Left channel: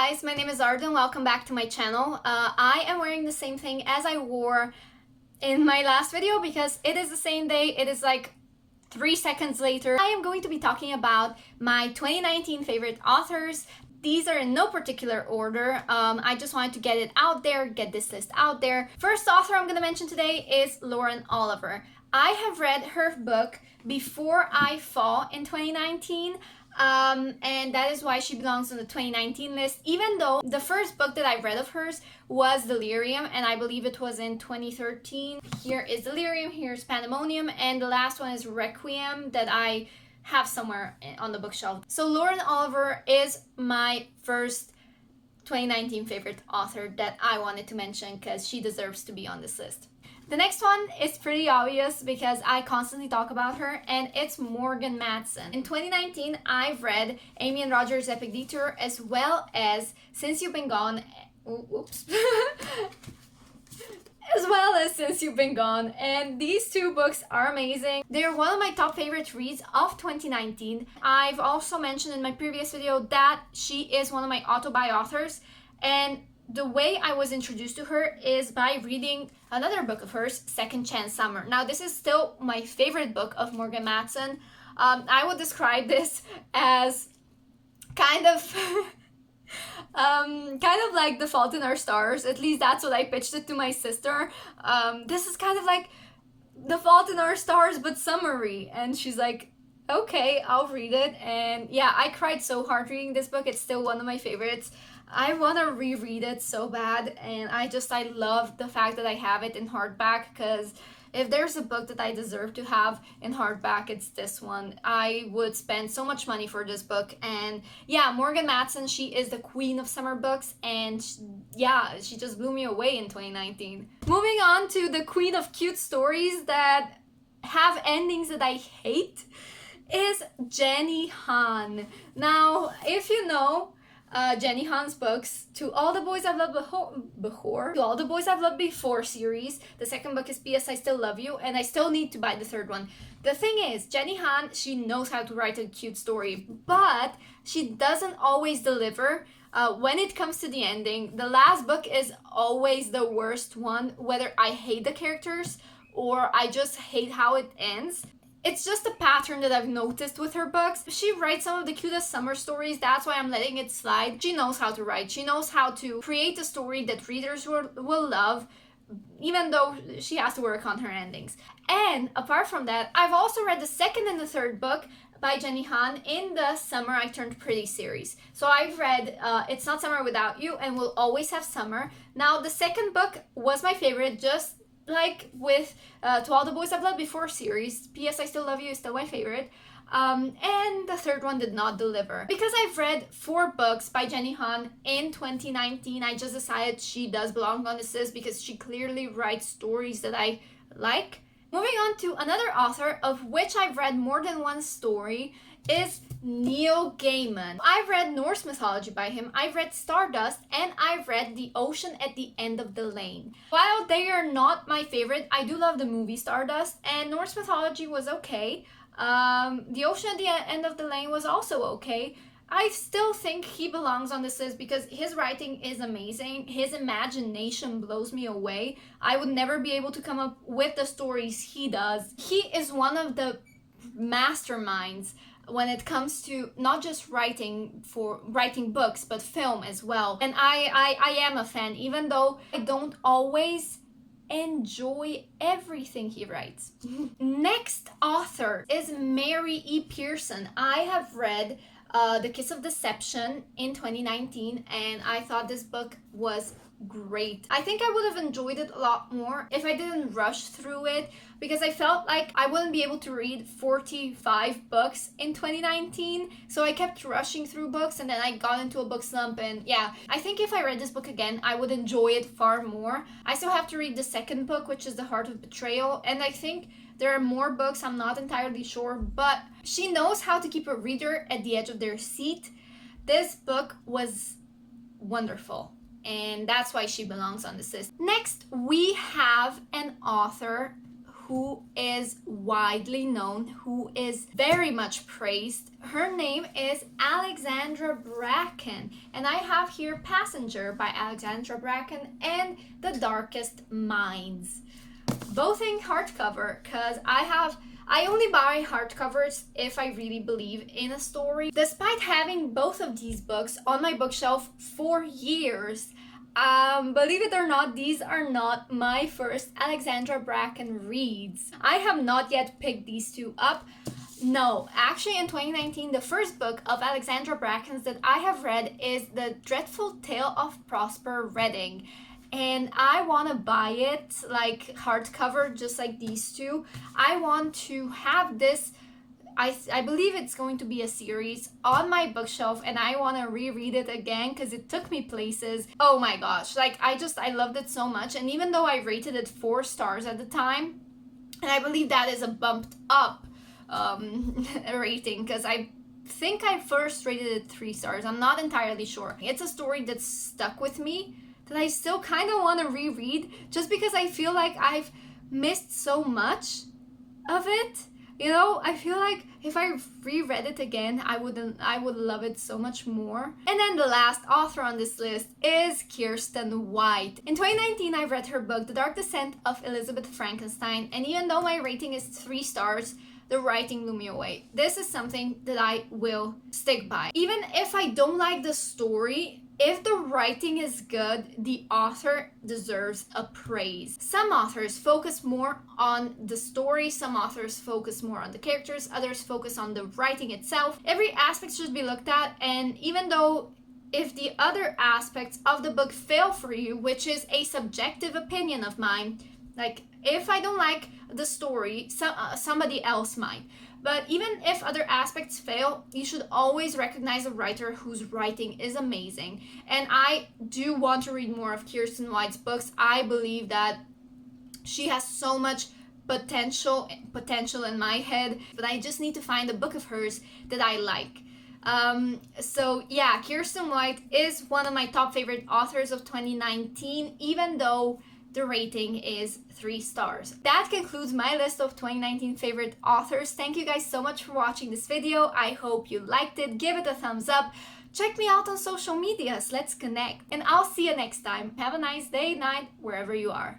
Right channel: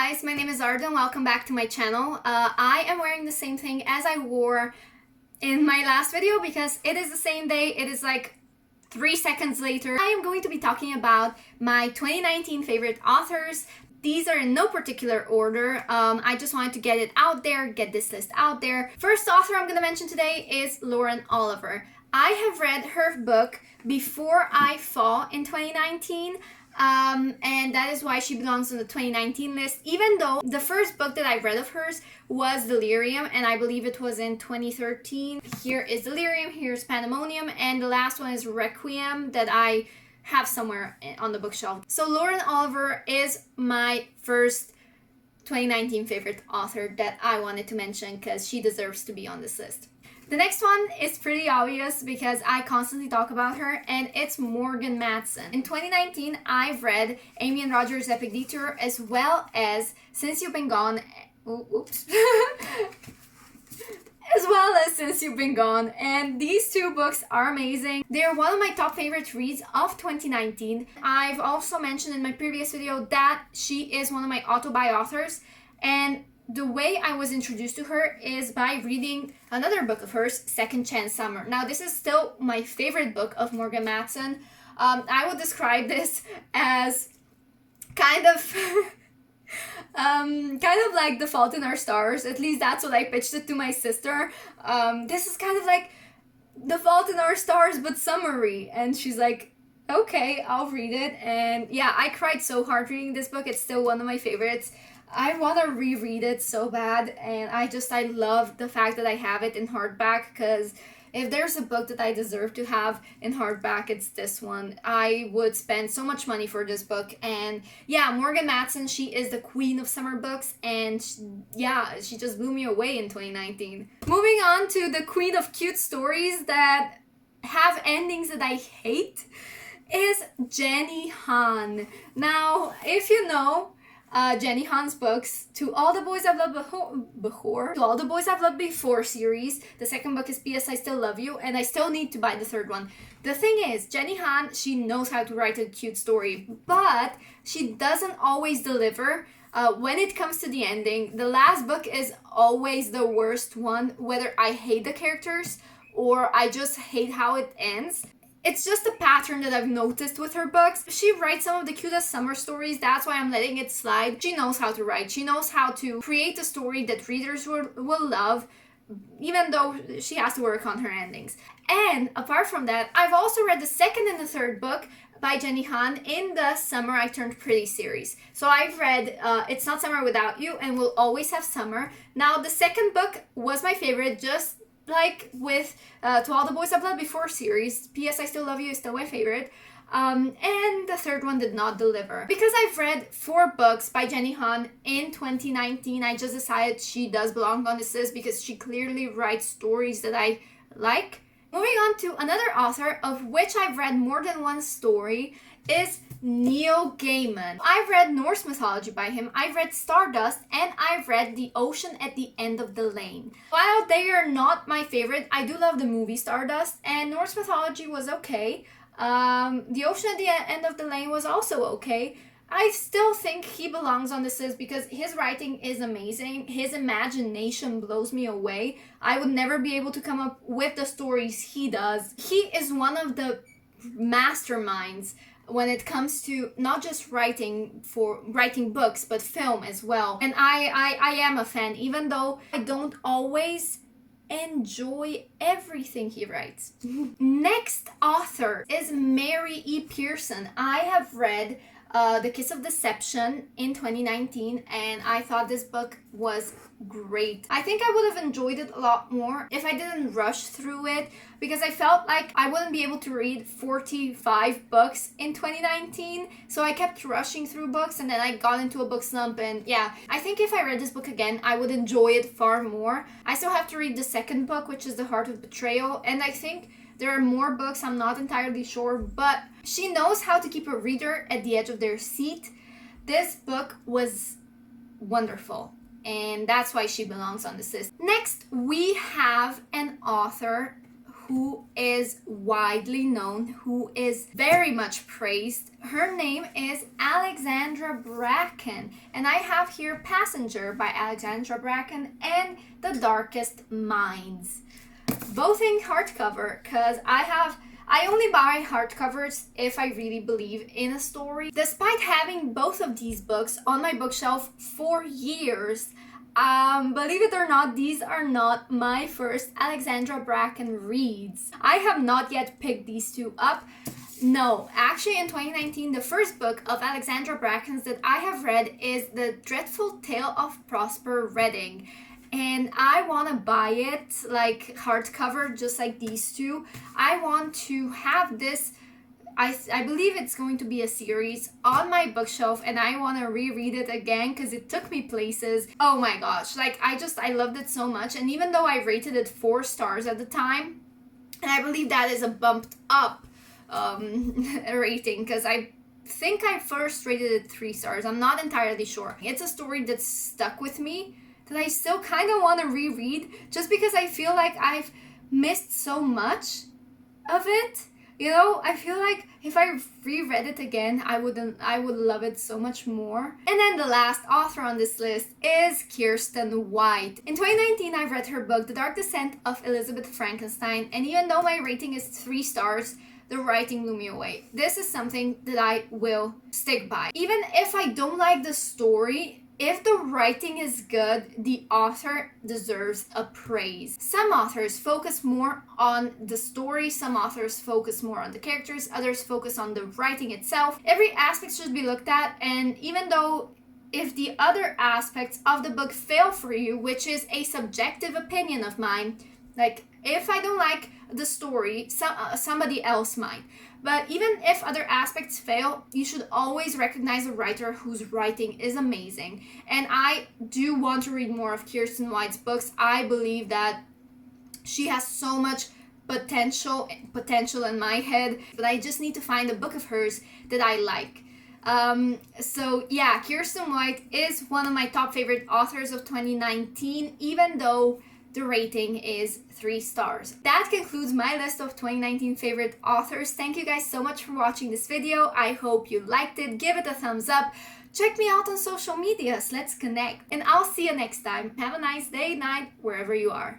guys, my name is Arden. Welcome back to my channel. I am wearing the same thing as I wore in my last video because it is the same day. It is like 3 seconds later. I am going to be talking about my 2019 favorite authors. These are in no particular order. I just wanted to get it out there, get this list out there. First author I'm going to mention today is Lauren Oliver. I have read her book Before I Fall in 2019. And that is why she belongs on the 2019 list, even though the first book that I read of hers was Delirium, and I believe it was in 2013. Here is Delirium, here's Pandemonium, and the last one is Requiem that I have somewhere on the bookshelf. So Lauren Oliver is my first 2019 favorite author that I wanted to mention because she deserves to be on this list. The next one is pretty obvious because I constantly talk about her, and it's Morgan Matson. In 2019, I've read Amy and Roger's Epic Detour as well as Since You've Been Gone. Oops. As well as Since You've Been Gone, and these two books are amazing. They're one of my top favorite reads of 2019. I've also mentioned in my previous video that she is one of my auto-buy authors, and the way I was introduced to her is by reading another book of hers, Second Chance Summer. Now, this is still my favorite book of Morgan Matson. I would describe this as kind of like The Fault in Our Stars. At least that's what I pitched it to my sister. This is kind of like The Fault in Our Stars, but summery. And she's like, okay, I'll read it. And yeah, I cried so hard reading this book. It's still one of my favorites. I want to reread it so bad, and I love the fact that I have it in hardback, because if there's a book that I deserve to have in hardback, it's this one. I would spend so much money for this book. And yeah, Morgan Matson, she is the queen of summer books, and she just blew me away in 2019. Moving on to the queen of cute stories that have endings that I hate is Jenny Han. Now, if you know Jenny Han's books, To All the Boys I've Loved Before, To All the Boys I've Loved Before series. The second book is P.S. I Still Love You, and I still need to buy the third one. The thing is, Jenny Han, she knows how to write a cute story, but she doesn't always deliver. When it comes to the ending, the last book is always the worst one, whether I hate the characters or I just hate how it ends. It's just a pattern that I've noticed with her books. She writes some of the cutest summer stories, that's why I'm letting it slide. She knows how to write. She knows how to create a story that readers will love, even though she has to work on her endings. And apart from that, I've also read the second and the third book by Jenny Han in the Summer I Turned Pretty series. So I've read It's Not Summer Without You and We'll Always Have Summer. Now, the second book was my favorite, just like with To All the Boys I've Loved Before series. P.S. I Still Love You is still my favorite. And the third one did not deliver. Because I've read 4 books by Jenny Han in 2019, I just decided she does belong on this list because she clearly writes stories that I like. Moving on to another author of which I've read more than one story is Neil Gaiman. I've read Norse mythology by him, I've read Stardust, and I've read The Ocean at the End of the Lane. While they are not my favorite, I do love the movie Stardust, and Norse mythology was okay. The Ocean at the End of the Lane was also okay. I still think he belongs on this list because his writing is amazing. His imagination blows me away. I would never be able to come up with the stories he does. He is one of the masterminds when it comes to not just writing books, but film as well. And I am a fan, even though I don't always enjoy everything he writes. Next author is Mary E. Pearson. I have read The Kiss of Deception in 2019, and I thought this book was great. I think I would have enjoyed it a lot more if I didn't rush through it, because I felt like I wouldn't be able to read 45 books in 2019, so I kept rushing through books, and then I got into a book slump. And yeah, I think if I read this book again, I would enjoy it far more. I still have to read the second book, which is The Heart of Betrayal, and I think there are more books, I'm not entirely sure, but she knows how to keep a reader at the edge of their seat. This book was wonderful, and that's why she belongs on this list. Next, we have an author who is widely known, who is very much praised. Her name is Alexandra Bracken, and I have here Passenger by Alexandra Bracken and The Darkest Minds, both in hardcover, because I only buy hardcovers if I really believe in a story. Despite having both of these books on my bookshelf for years, believe it or not, these are not my first Alexandra Bracken reads. I have not yet picked these two up. No, actually in 2019, the first book of Alexandra Bracken's that I have read is The Dreadful Tale of Prosper Redding. And I want to buy it like hardcover, just like these two. I want to have this, I believe it's going to be a series, on my bookshelf, and I want to reread it again because it took me places. Oh my gosh, like I loved it so much. And even though I rated it 4 stars at the time, and I believe that is a bumped up rating, because I think I first rated it 3 stars. I'm not entirely sure. It's a story that stuck with me, that I still kind of want to reread, just because I feel like I've missed so much of it. You know, I feel like if I reread it again, I would love it so much more. And then the last author on this list is Kiersten White. In 2019, I read her book, The Dark Descent of Elizabeth Frankenstein, and even though my rating is 3 stars, the writing blew me away. This is something that I will stick by. Even if I don't like the story, if the writing is good, the author deserves a praise. Some authors focus more on the story, some authors focus more on the characters, others focus on the writing itself. Every aspect should be looked at, and even though if the other aspects of the book fail for you, which is a subjective opinion of mine, like if I don't like the story, somebody else might. But even if other aspects fail, you should always recognize a writer whose writing is amazing. And I do want to read more of Kiersten White's books. I believe that she has so much potential in my head, but I just need to find a book of hers that I like. So yeah, Kiersten White is one of my top favorite authors of 2019, even though the rating is 3 stars. That concludes my list of 2019 favorite authors. Thank you guys so much for watching this video. I hope you liked it. Give it a thumbs up. Check me out on social medias. Let's connect. And I'll see you next time. Have a nice day, night, wherever you are.